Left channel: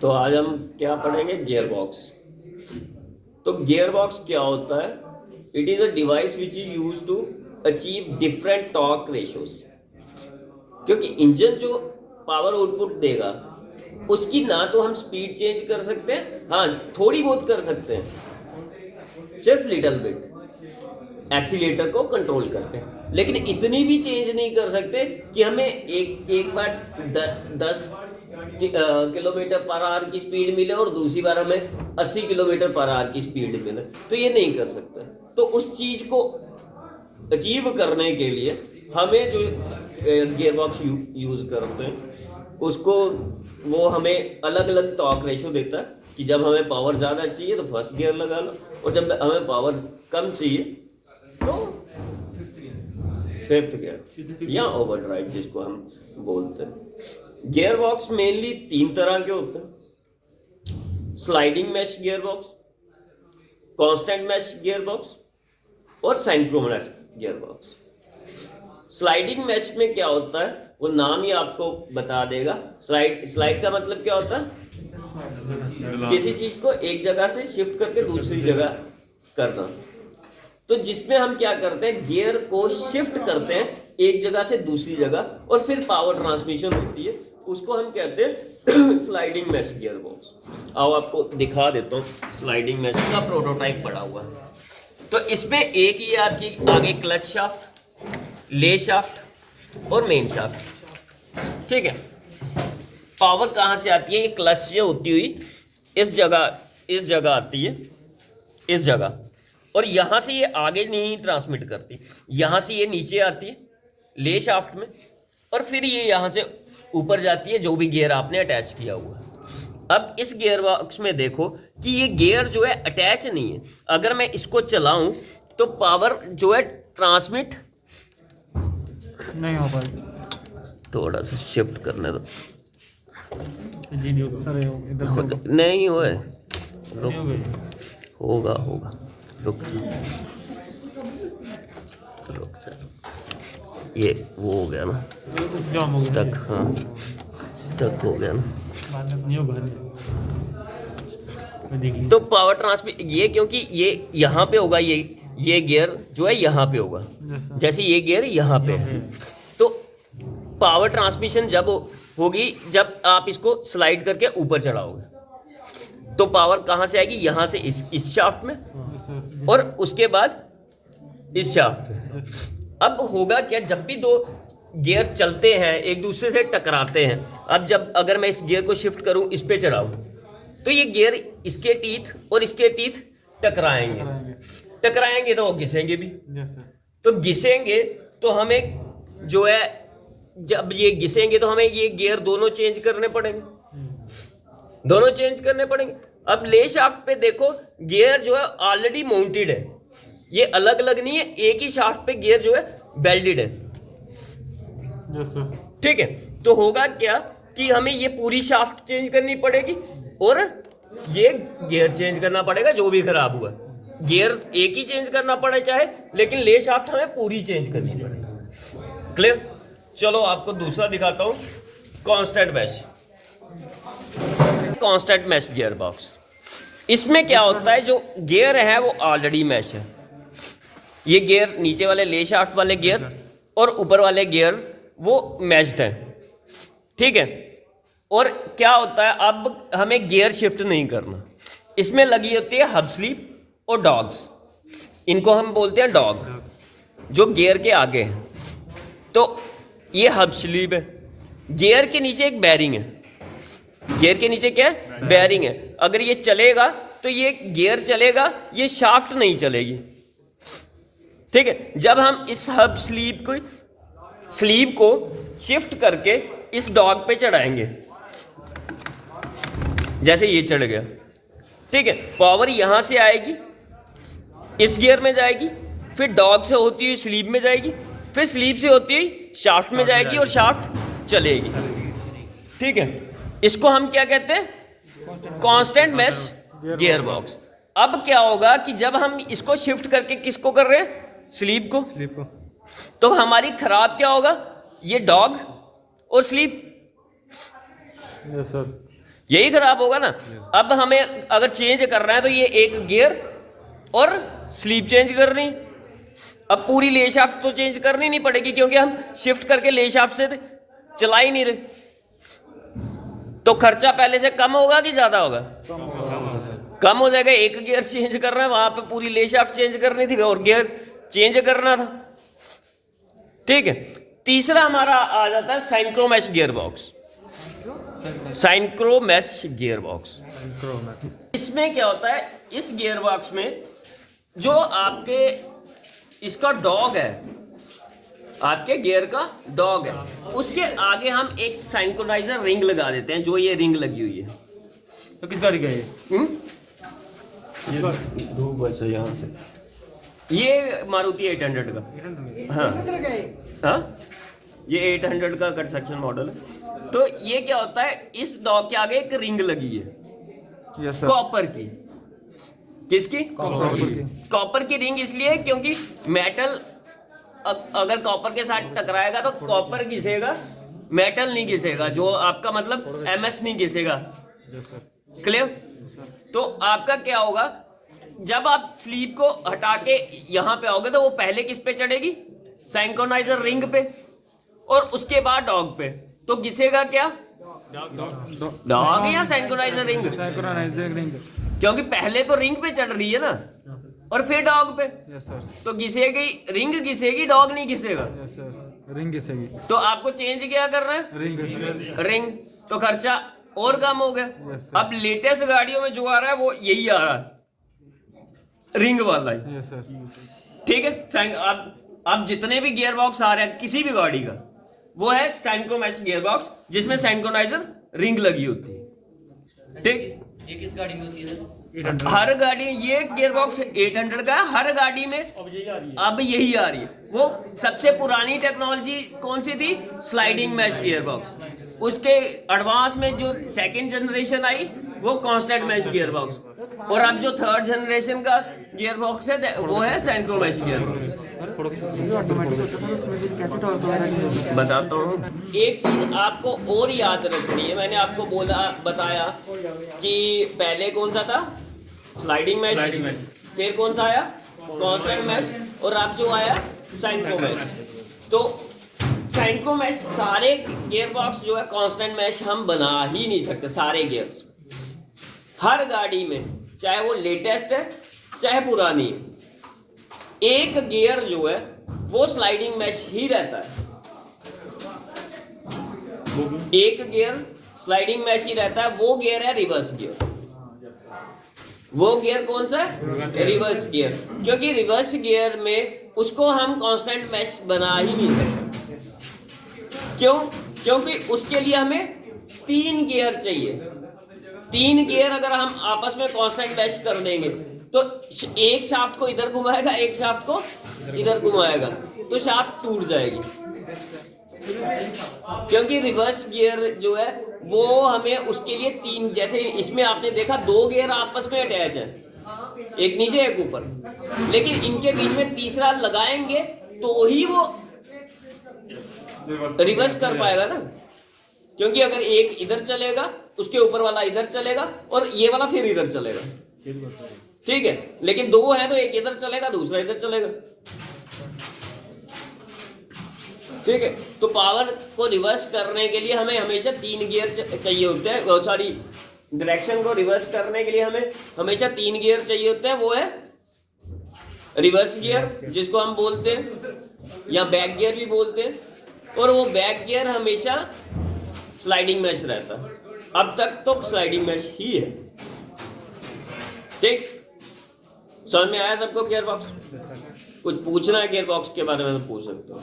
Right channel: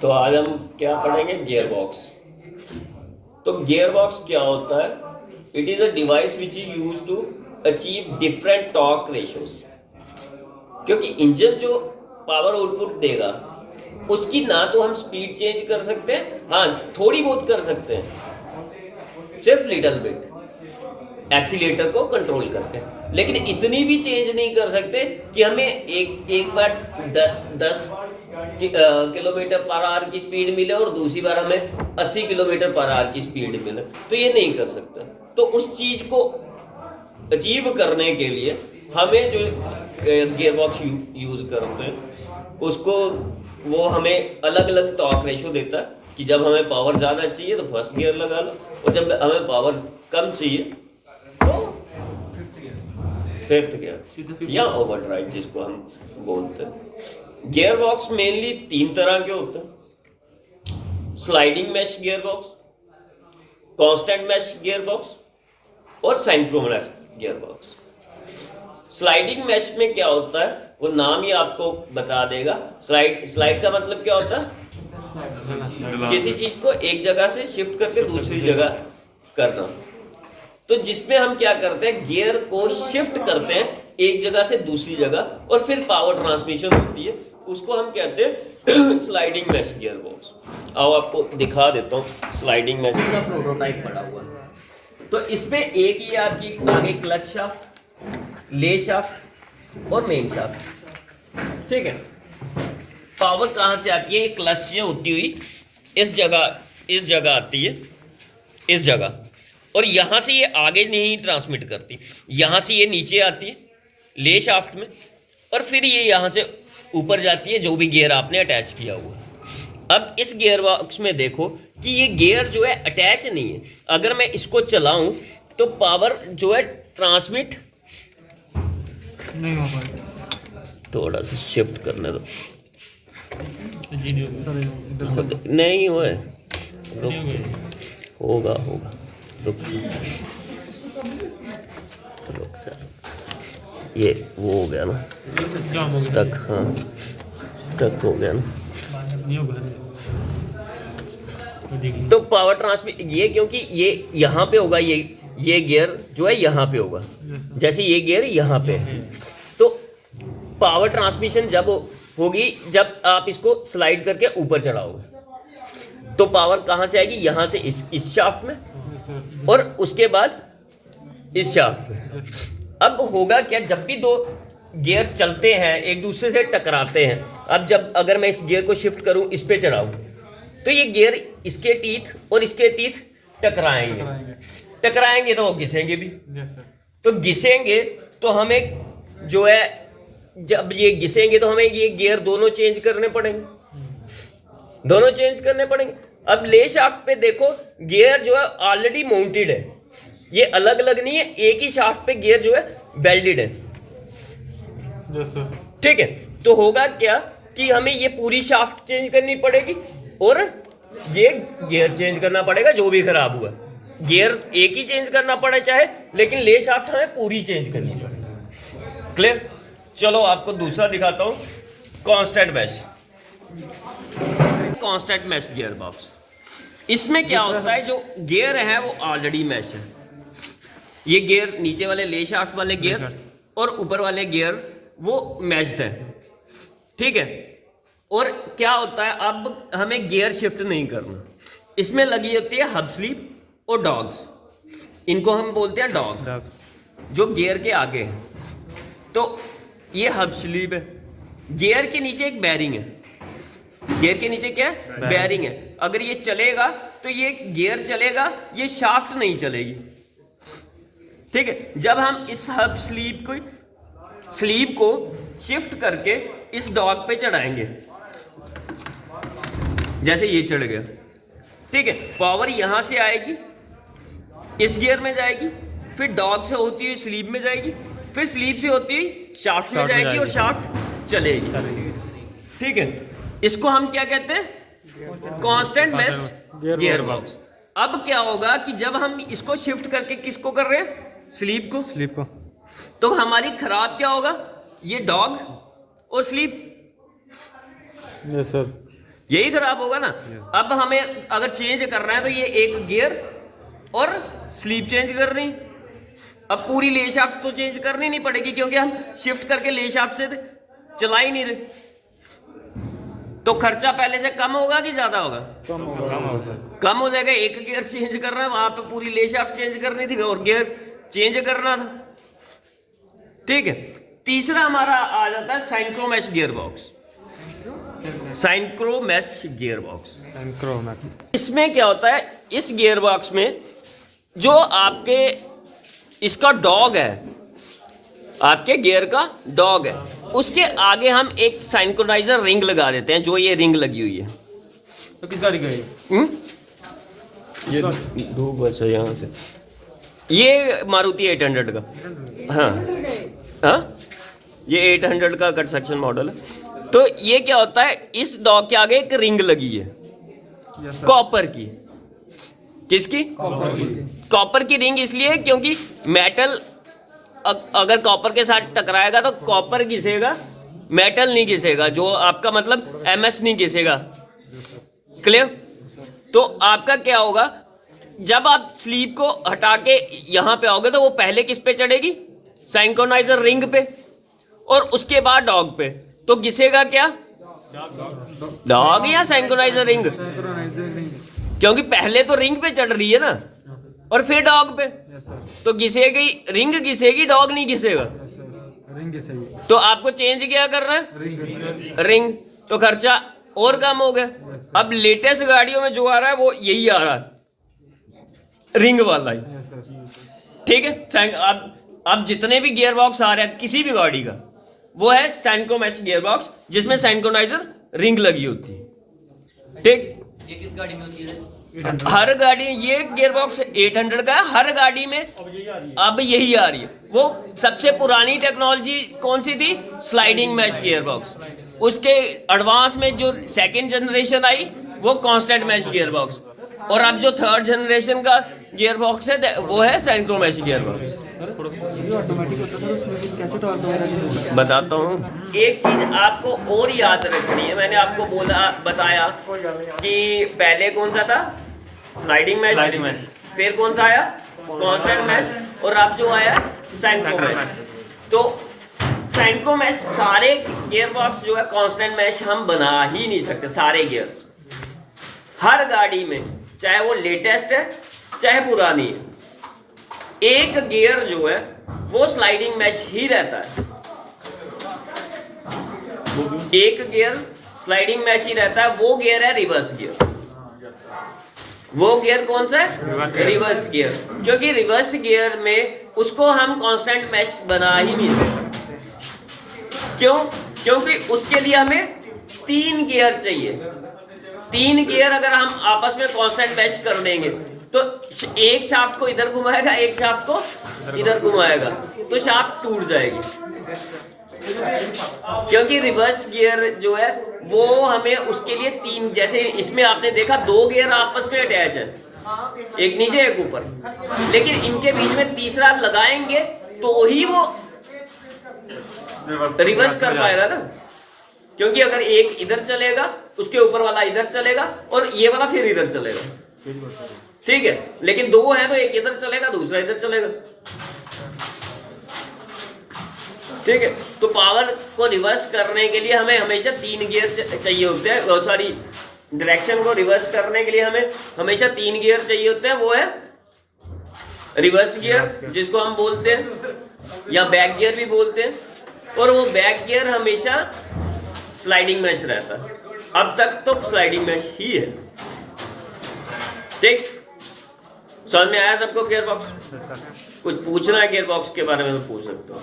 तो आज हम क्या पढ़ेंगे? Gear box. तो गियर बॉक्स क्या होता है? It is a device which is use to achieve different torque ratios. क्योंकि इंजन जो पावर आउटपुट देगा उसकी ना तो हम स्पीड चेंज कर सकते हैं, हाँ थोड़ी बहुत कर सकते हैं, सिर्फ लिटिल बिट एक्सीलेटर को कंट्रोल करके, लेकिन इतनी भी चेंज नहीं कर सकते कि हमें एक एक बार 10 किलोमीटर पर आवर की स्पीड मिले और दूसरी बार हमें 80 किलोमीटर पर आवर की स्पीड मिले, तो ये नहीं कर सकते। तो उस चीज को अचीव करने के लिए हमें जो गियर बॉक्स यूज करते हैं उसको, वो हमें अलग अलग टॉर्क रेशो देता है कि जब हमें पावर ज़्यादा चाहिए तो फर्स्ट गियर लगा लो, और जब हमें पावर कम चाहिए तो फिफ्थ गियर या ओवरड्राइव जिसको हम बोलते हैं। गियर बॉक्स मेनली 3 तरह के होते हैं: sliding mesh gear box, constant mesh gear box और synchronous gear box. Sliding mesh में क्या होता है वो नाम ही आपको बता देगा। स्लाइड का मतलब क्या होता है? किसी चीज को एक जगह से शिफ्ट करके दूसरी जगह करना। तो जिसमें हम क्या करते हैं, गियर को शिफ्ट करते हैं एक जगह से दूसरी जगह और फिर पावर ट्रांसमिशन होती है, उसको हम कहते हैं स्लाइडिंग मैश गियर बॉक्स। आओ आपको दिखा देता हूँ स्लाइडिंग मैश का प्रोटोटाइप पड़ा हुआ है। तो इसमें एक ही आपकी आगे क्लच शाफ्ट, ले शाफ्ट और मेन शाफ्ट, ठीक है। पावर कहाँ से आती है? ये क्लच से होती हुई इस जगह आती है, इस जगह, और यहाँ से ये आगे नहीं ट्रांसमिट करती, यहाँ से ये नीचे आती है ले शाफ्ट में, और फिर ये यहाँ से ऊपर जाती है जो भी गियर आपने अटैच किया हुआ है। अब इस गियर बॉक्स में देखो कि ये गियर जो है अटैच नहीं है। अगर मैं इसको चलाऊं तो पावर जो है ट्रांसमिट नहीं हो पाएगा। थोड़ा सा शिफ्ट करने दो। सर इधर से नहीं हुआ है, होगा होगा, रुक रुक सर, ये वो हो गया ना स्टक, हाँ स्टक हो गया ना। तो पावर ट्रांसमिट ये, क्योंकि ये यहाँ पे होगा, ये गियर जो है यहाँ पे होगा, जैसे ये गियर यहाँ पे है। तो पावर ट्रांसमिशन जब होगी जब आप इसको स्लाइड करके ऊपर चढ़ाओगे, तो पावर कहाँ से आएगी? यहाँ से इस शाफ्ट में, और उसके बाद इस शाफ्ट में। अब होगा क्या, जब भी दो गियर चलते हैं एक दूसरे से टकराते हैं, अब जब अगर मैं इस गियर को शिफ्ट करूं, इस पे चढ़ाऊं, तो ये गियर इसके टीथ और इसके टीथ टकराएंगे तो वो घिसेंगे भी। तो घिसेंगे तो हमें जो है, जब ये घिसेंगे तो हमें ये गियर दोनों चेंज करने पड़ेंगे, दोनों चेंज करने पड़ेंगे। अब ले शाफ्ट पे देखो, गियर जो है ऑलरेडी माउंटेड है, ये अलग अलग नहीं है, एक ही शाफ्ट पे गियर जो है वेल्डेड है, ठीक है। तो होगा क्या कि हमें ये पूरी शाफ्ट चेंज करनी पड़ेगी और ये गियर चेंज करना पड़ेगा जो भी खराब हुआ। गियर एक ही चेंज करना पड़े चाहे, लेकिन ले शाफ्ट हमें पूरी चेंज करनी पड़ेगी। क्लियर? चलो आपको दूसरा दिखाता हूं, constant mesh. Constant mesh gear box, इसमें क्या होता है, जो गियर है वो ऑलरेडी मैश है। ये गियर नीचे वाले ले शाफ्ट वाले गियर और ऊपर वाले गियर वो मैश्ड है, ठीक है। और क्या होता है, अब हमें गियर शिफ्ट नहीं करना, इसमें लगी होती है हब स्लीव और डॉग्स, इनको हम बोलते हैं डॉग, जो गियर के आगे है। तो ये हब स्लीव है, गियर के नीचे एक बैरिंग है, गियर के नीचे क्या है? बैरिंग है। अगर ये चलेगा तो ये गियर चलेगा, ये शाफ्ट नहीं चलेगी, ठीक है। जब हम इस हब स्लीव को शिफ्ट करके इस डॉग पे चढ़ाएंगे, जैसे ये चढ़ गया, ठीक है, पावर यहां से आएगी, इस गियर में जाएगी, फिर डॉग से होती हुई स्लीव में जाएगी, फिर स्लीव से होती हुई शाफ्ट में जाएगी और शाफ्ट चलेगी, ठीक है। इसको हम क्या कहते हैं? Constant mesh gear box. अब क्या होगा कि जब हम इसको शिफ्ट करके किसको कर रहे हैं? स्लीव को, तो हमारी खराब क्या होगा? ये डॉग और स्लीव। Yes sir. यही खराब होगा ना। अब हमें अगर चेंज करना है तो ये एक गियर और स्लीप चेंज करनी। अब पूरी ले शाफ्ट तो चेंज करनी नहीं पड़ेगी क्योंकि हम शिफ्ट करके ले शाफ्ट से चला ही नहीं रहे। तो खर्चा पहले से कम होगा कि ज्यादा होगा? कम हो जाएगा। एक गियर चेंज कर रहे हैं, वहां पे पूरी ले शाफ्ट चेंज करनी थी और गियर चेंज करना था। ठीक है। तीसरा हमारा आ जाता है साइक्रोमैश गियर बॉक्स। साइक्रोमैश गियर बॉक्स, इसमें क्या होता है, इस गियर बॉक्स में जो आपके इसका डॉग है, आपके गियर का डॉग है, उसके आगे हम एक सिंक्रोनाइजर रिंग लगा देते हैं। जो ये रिंग लगी हुई है, तो कितना दिखा ये दो बस है यहाँ से। ये मारुति 800 का, हाँ हाँ, ये 800 का कट सेक्शन मॉडल है। तो ये क्या होता है, इस डॉग के आगे एक रिंग लगी है कॉपर की। किसकी? कॉपर की रिंग इसलिए क्योंकि मेटल अगर कॉपर के साथ टकराएगा तो कॉपर घिसेगा, मेटल नहीं घिसेगा। जो आपका मतलब एमएस नहीं घिसेगा। क्लियर? तो आपका क्या होगा, जब आप स्लीप को हटा के यहां पे आओगे तो वो पहले किस पे चढ़ेगी? सिंक्रोनाइजर रिंग पे, और उसके बाद डॉग पे। तो घिसेगा क्या? डॉग या सिंक्रोनाइजर रिंग? क्योंकि पहले तो रिंग पे चढ़ रही है ना, और फिर डॉग पे। तो घिसेगी रिंग, घिसेगी डॉग नहीं घिसेगा। रिंग घिसेगी। तो आपको चेंज क्या कर रहा है? रिंग। तो खर्चा और कम हो गया। अब लेटेस्ट गाड़ियों में जो आ रहा है वो यही आ रहा है, रिंग वाला ही। ठीक है। अब जितने भी गियर बॉक्स आ रहे हैं किसी भी गाड़ी का, वो है सिंक्रोमैश गियर बॉक्स, जिसमें सिंक्रोनाइजर रिंग लगी होती है। ठीक। ये किस गाड़ी में होती है? हर गाड़ी, ये गियर बॉक्स 800 का है, हर गाड़ी में अब यही आ रही है। वो सबसे पुरानी टेक्नोलॉजी कौन सी थी? Sliding mesh gear box. उसके एडवांस में जो सेकंड जनरेशन आई वो कांस्टेंट मैश गियर बॉक्स, और अब जो थर्ड जनरेशन का गियर बॉक्स है वो है सिंक्रोमैश गियर बॉक्स। ऑटोमेटिक होता था, उसमें फिर कैसे टॉर्क वगैरह नहीं होता? बताता हूँ। एक चीज आपको और याद रखनी है, मैंने आपको बताया कि पहले कौन सा था? Sliding mesh. फिर कौन सा आया? Constant mesh. और अब जो आया सिंक्रोमैश। तो सिंक्रोमैश, सारे गियर बॉक्स जो है कांस्टेंट मैश हम बना ही नहीं सकते। सारे गियर्स हर गाड़ी में, चाहे वो लेटेस्ट है चाहे पुरानी है, एक गियर जो है वो स्लाइडिंग मैश ही रहता है। एक गियर स्लाइडिंग मैश ही रहता है। वो गियर है रिवर्स गियर। वो गियर कौन सा है? Reverse gear. क्योंकि रिवर्स गियर में उसको हम कांस्टेंट मैश बना ही नहीं सकते। क्यों? क्योंकि उसके लिए हमें 3 गियर चाहिए। 3 गियर अगर हम आपस में कांस्टेंट मैश कर देंगे तो एक शाफ्ट को इधर घुमाएगा, एक शाफ्ट को इधर घुमाएगा, तो शाफ्ट टूट जाएगी। क्योंकि रिवर्स गियर जो है वो हमें उसके लिए 3, जैसे इसमें आपने देखा 2 गियर आपस में अटैच है, एक नीचे एक ऊपर, लेकिन इनके बीच में तीसरा लगाएंगे तो ही वो रिवर्स कर पाएगा ना। क्योंकि अगर एक इधर चलेगा, उसके ऊपर वाला इधर चलेगा, और ये वाला फिर इधर चलेगा। ठीक है। लेकिन 2 है तो एक इधर चलेगा, दूसरा इधर चलेगा। ठीक है। तो पावर को रिवर्स करने के लिए हमें हमेशा 3 गियर चाहिए होते हैं। सॉरी, डायरेक्शन को रिवर्स करने के लिए हमें हमेशा 3 गियर चाहिए होते हैं। वो है रिवर्स गियर, जिसको हम बोलते हैं, या बैक गियर भी बोलते हैं। और वो बैक गियर हमेशा स्लाइडिंग मैश रहता है। अब तक तो स्लाइडिंग मैश ही है। ठीक, समझ में आया सबको? गियर बॉक्स कुछ पूछना है गियर बॉक्स के बारे में तो पूछ सकते हो।